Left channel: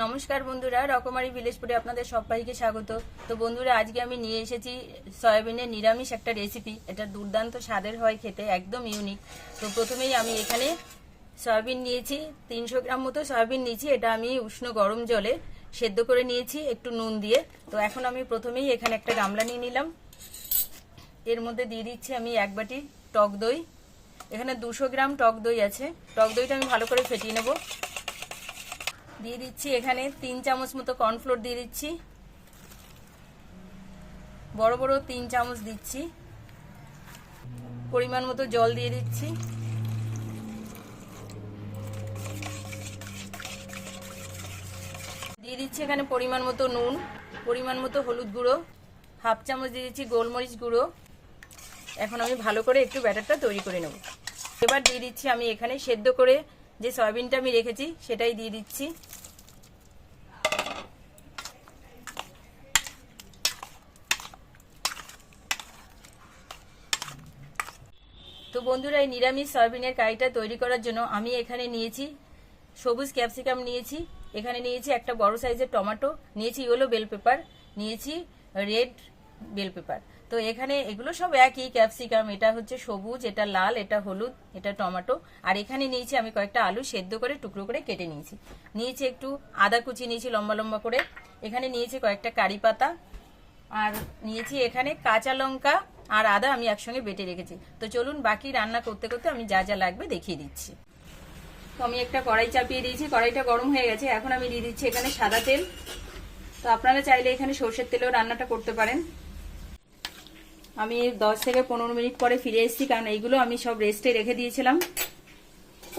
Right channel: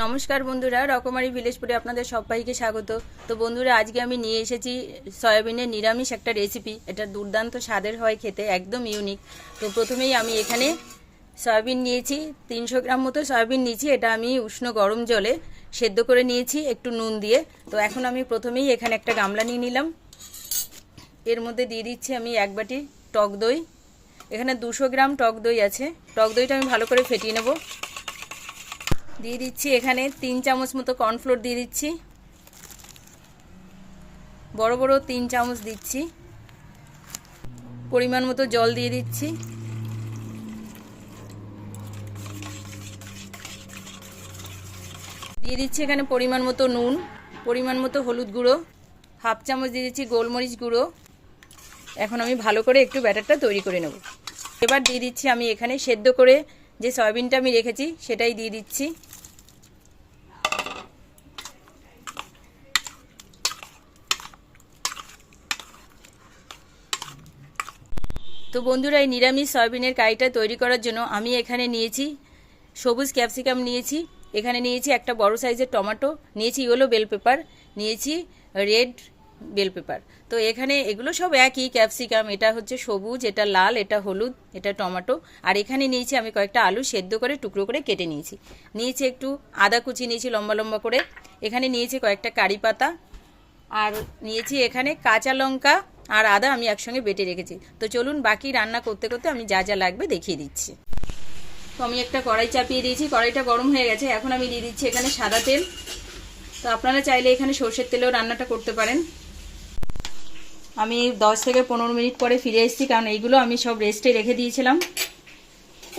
নমস্কার বন্ধুরা, রকমারি ভিলেজপুরে আপনাদের সবাইকে স্বাগত। তো বন্ধুরা, আজকে আমি নিয়ে এসেছি সয়াবিনের নিরামিষ একটা রেসিপি। এটা দুর্দান্ত স্বাদের হয়, খেতে একদম ইউনিক। তো প্রথমেই আমি এখানে সয়াবিন নিয়েছি, 300 গ্রাম মতো সয়াবিন নিয়েছি। এটা আমি উষ্ণ গরম জলে সেদ্ধ করে নিয়েছি একটু নুন দিয়ে। তো এখন আমি প্রথমেই এখানে একটা গামলা নিয়ে নিলাম। এর মধ্যে দিয়ে দিচ্ছি আমি 1 বাটি টক দই। এখানে 200 গ্রাম টক দই আছে। টক দইটা আমি ভালো করে ফেটিয়ে নেব। দিয়ে দিচ্ছি এখানে 3 চামচ মতো কর্নফ্লোর দিয়ে দিচ্ছি, বড় বড় 3 চামচ দিচ্ছি। পরিমাণ মতো জল দিয়ে দিচ্ছি। দিয়ে দিচ্ছি এখানে পরিমাণ মতো নুন, পরিমাণ মতো হলুদ গুঁড়ো, হাফ চামচ দিয়ে দিচ্ছি গোলমরিচ গুঁড়ো। এখন আমি ভালো করে একটু ব্যাটারটা তৈরি করে নেব। এবার দিয়ে দিচ্ছি আমি এখানে সেদ্ধ করে যে সয়াবিনটা আমি রেখেছি সেটাই দিয়ে দিচ্ছি। তো বন্ধুরা, এই নিরামিষ সয়াবিনের কারিটা তৈরি করার জন্য আমি এখানে নিয়েছি সবুজ ক্যাপসিকাম, নিয়েছি এখানে নিয়েছি একটা বড় সাইজের টমেটো, নিয়েছি ইয়েলো বেল পেপার, নিয়েছি রেড বেল পেপার। তো এখানে এগুলো সব একই ক্যাপসিকাম, এটা হচ্ছে সবুজ, এটা লাল, এটা হলুদ, এটা টমেটো। আর এখানে নিয়েছি আমি কয়েকটা আলু সেদ্ধ করে টুকরো করে কেটে নিয়েছি। নিয়েছি একটু আদা কুচি, নিয়েছি লম্বা লম্বা করে। এখানে নিয়েছি কয়েকটা কারি পাতা, আর নিয়েছি এখানে কাঁচা লঙ্কা আর আদা আমি একসঙ্গে বেটে রেখেছি। তো চলুন বাকি রান্না করতে করতে আমি যা যা লাগবে দেখিয়ে দিচ্ছি। তো আমি একটা কড়াই চাপিয়ে দিয়েছি, কড়াইটা গরম হয়ে গেছে। এখন আমি দিয়ে দিচ্ছি এখানে সাদা তেল। তো আপনারা চাইলে এখানে সর্ষের তেলেও রান্নাটা করতে পারেন। আমি 10 থেকে 15 মিনিট পরে ফিরে এসেছি, কারণ এইগুলো আমি সব রেস্টে রেখে দিয়েছিলাম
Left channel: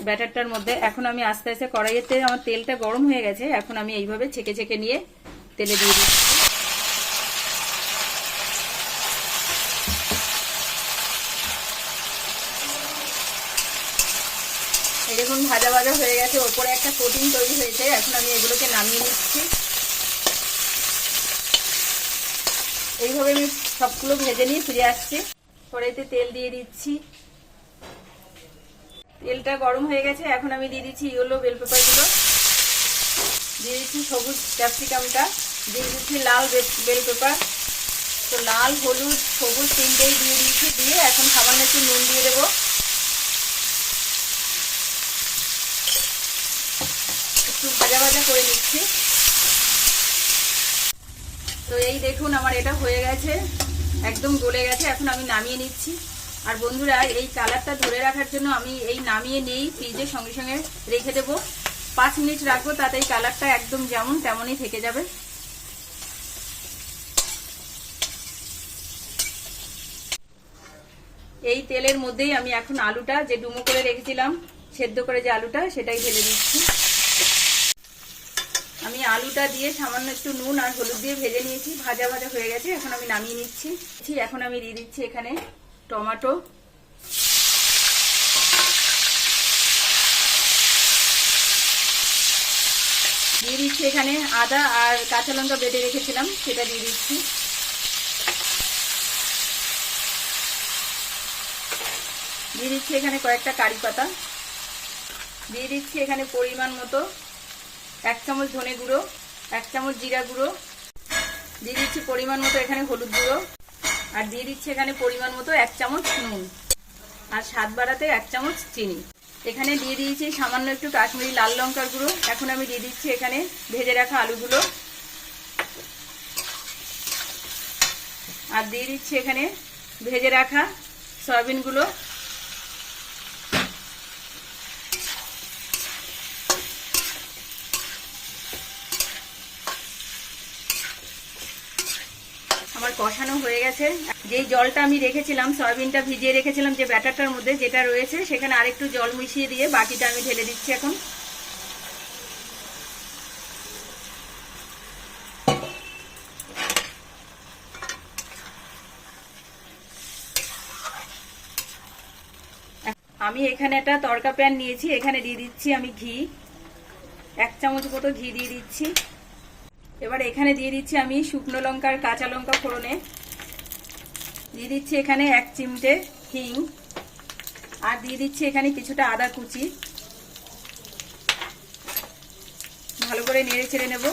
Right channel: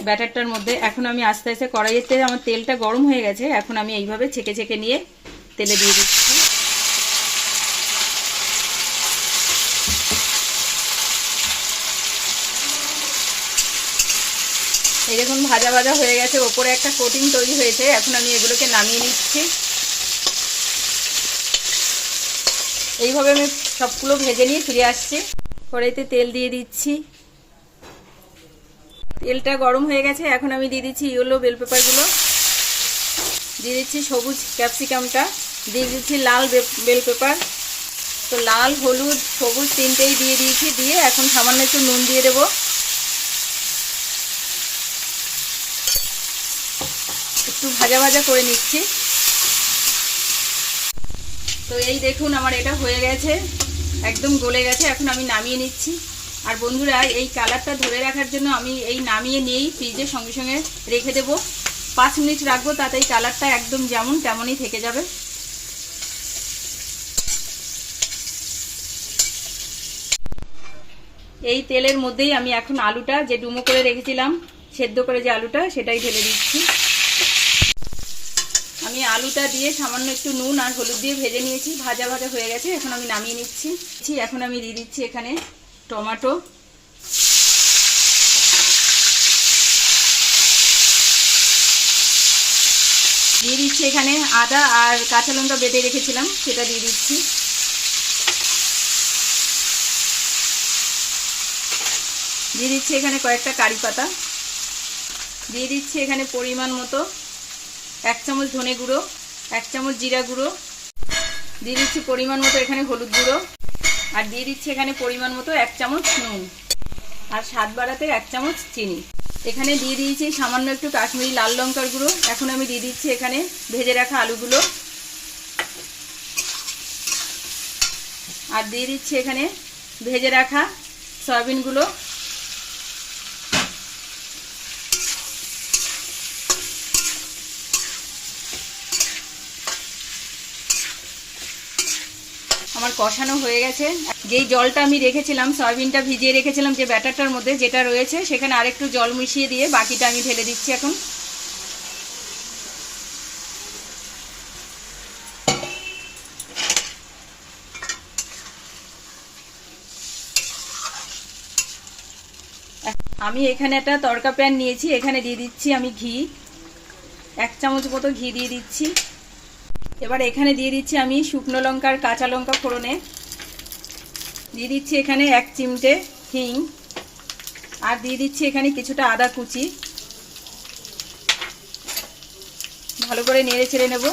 ব্যাটারটার মধ্যে। এখন আমি আস্তে আস্তে কড়াইয়ের তেল, আমার তেলটা গরম হয়ে গেছে, এখন আমি এইভাবে ছেঁকে ছেঁকে নিয়ে তেলে দিয়ে দিচ্ছি। এই দেখুন ভাজা ভাজা হয়ে গেছে, ওপরে একটা কোটিং তৈরি হয়েছে। এখন আমি এগুলোকে নামিয়ে নিচ্ছি। এইভাবে আমি সবগুলো ভেজে নিয়ে ফিরে আসছি। কড়াইতে তেল দিয়ে দিচ্ছি, তেলটা গরম হয়ে গেছে। এখন আমি দিয়ে দিচ্ছি ইয়েলো বেল পেপারগুলো, দিয়ে দিচ্ছি সবুজ ক্যাপসিকামটা, দিয়ে দিচ্ছি লাল বেল পেপার। তো লাল, হলুদ, সবুজ তিনটেই দিয়ে দিয়েছি। দিয়ে এখন সামান্য একটু নুন দিয়ে দেবো, একটু ভাজা ভাজা করে নিচ্ছি। তো এই দেখুন আমার এটা হয়ে গেছে, একদম গলে গেছে। এখন আমি নামিয়ে নিচ্ছি। আর বন্ধুরা, এই কালারটা ধরে রাখার জন্য আমি এই নামিয়ে নিয়েই ফ্রিজে সঙ্গে সঙ্গে রেখে দেব। 5 মিনিট রাখবো, তাতে এই কালারটা একদম যেমন তেমনই থেকে যাবে। এই তেলের মধ্যেই আমি এখন আলুটা, যে ডুমো করে রেখেছিলাম সেদ্ধ করে যে আলুটা, সেটাই ঢেলে দিচ্ছি। আমি আলুটা দিয়ে সামান্য একটু নুন আর হলুদ দিয়ে ভেজে নিয়েছি, ভাজা ভাজা হয়ে গেছে। এখন আমি নামিয়ে নিচ্ছি। এখন আমি দিয়ে দিচ্ছি এখানে টমেটো, দিয়ে দিচ্ছি এখানে আদা আর কাঁচা লঙ্কা বেটে রেখেছিলাম, সেটা দিয়ে দিচ্ছি। দিয়ে দিচ্ছি এখানে কয়েকটা কারি পাতা, দিয়ে দিচ্ছি এখানে পরিমাণ মতো 1 চামচ ধনে গুঁড়ো, 1 চামচ জিরা গুঁড়ো, দিয়ে দিচ্ছি পরিমাণ মতো এখানে হলুদ গুঁড়ো, আর দিয়ে দিচ্ছি এখানে পরিমাণ মতো 1 চামচ নুন, আর স্বাদ বাড়াতে 1 চামচ চিনি। এখানে দিয়ে দিয়েছি সামান্য একটু কাশ্মীরি লাল লঙ্কার গুঁড়ো। এখন আমি দিয়ে দিচ্ছি এখানে ভেজে রাখা আলুগুলো, আর দিয়ে দিচ্ছি এখানে ভেজে রাখা সয়াবিনগুলো। আমার কষানো হয়ে গেছে। যেই জলটা আমি রেখেছিলাম, সয়াবিনটা ভিজিয়ে রেখেছিলাম যে ব্যাটারটার মধ্যে যেটা রয়েছে, সেখানে আরেকটু জল মিশিয়ে দিয়ে বাকিটা আমি ঢেলে দিচ্ছি। এখন আমি এখানে একটা তড়কা প্যান নিয়েছি, এখানে দিয়ে দিচ্ছি আমি ঘি, 1 চামচ মতো ঘি দিয়ে দিচ্ছি। এবার এখানে দিয়ে দিচ্ছি আমি শুকনো লঙ্কা আর কাঁচা লঙ্কা ফোড়নে, দিয়ে দিচ্ছি এখানে 1 চিমটে হিং, আর দিয়ে দিচ্ছি এখানে কিছুটা আদা কুচি। ভালো করে নেড়ে ছেড়ে নেব।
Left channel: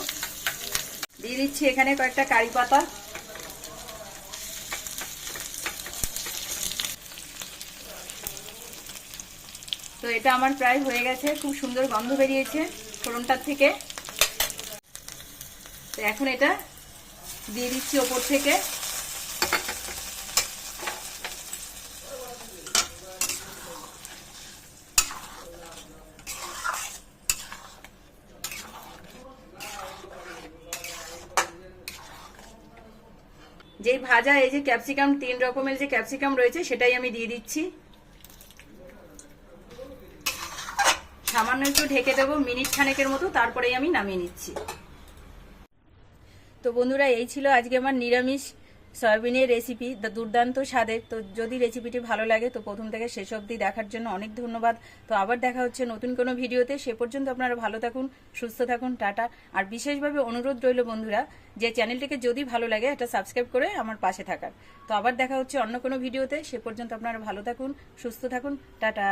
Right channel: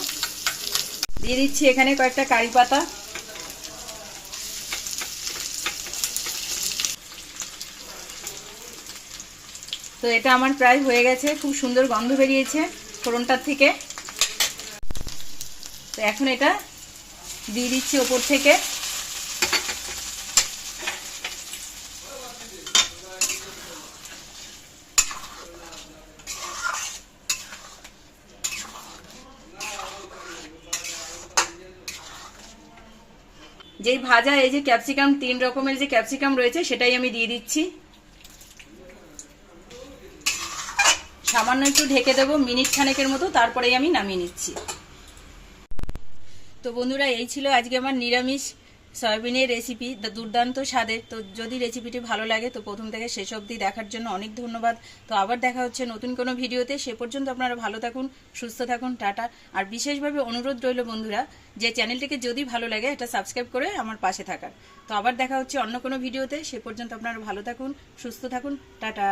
দিয়ে দিচ্ছি এখানে কয়েকটা কারি পাতা। তো এটা আমার প্রায় হয়ে গেছে, খুব সুন্দর গন্ধ বেরিয়েছে ফোড়নটার থেকে। তো এখন এটা দিয়ে দিচ্ছি ওপর থেকে। যেই ভাজা এই যে ক্যাপসিকাম, 3 রকমের যে ক্যাপসিকাম রয়েছে সেটাই আমি দিয়ে দিচ্ছি। সামান্য একটু ঢেকে দেবো মিনিট খানেকের মতো, তারপরেই আমি নামিয়ে নিচ্ছি। তো বন্ধুরা, এই ছিল আজকে আমার নিরামিষ সয়াবিনের রেসিপি, দুর্দান্ত স্বাদের। তো যদি রেসিপিটি ভালো লাগে তো প্রথম থেকে শেষ অবধি দেখার জন্য অনেক ধন্যবাদ। তো আবার দেখা হচ্ছে নতুন কোনো ভিডিওতে। সে পর্যন্ত আপনারা ভালো থাকুন, সুস্থ থাকুন, টাটা। আর বিশেষভাবে অনুরোধ রইল বন্ধুরা, যে চ্যানেলটিকে যদি ভালো লাগে এটা সাবস্ক্রাইব করে আমার পাশে থাকার। তো আবার দেখা হচ্ছে অন্য কোনো ভিডিওতে। সে পর্যন্ত আপনারা ভালো থাকুন, সুস্থ থাকুন, টাটা।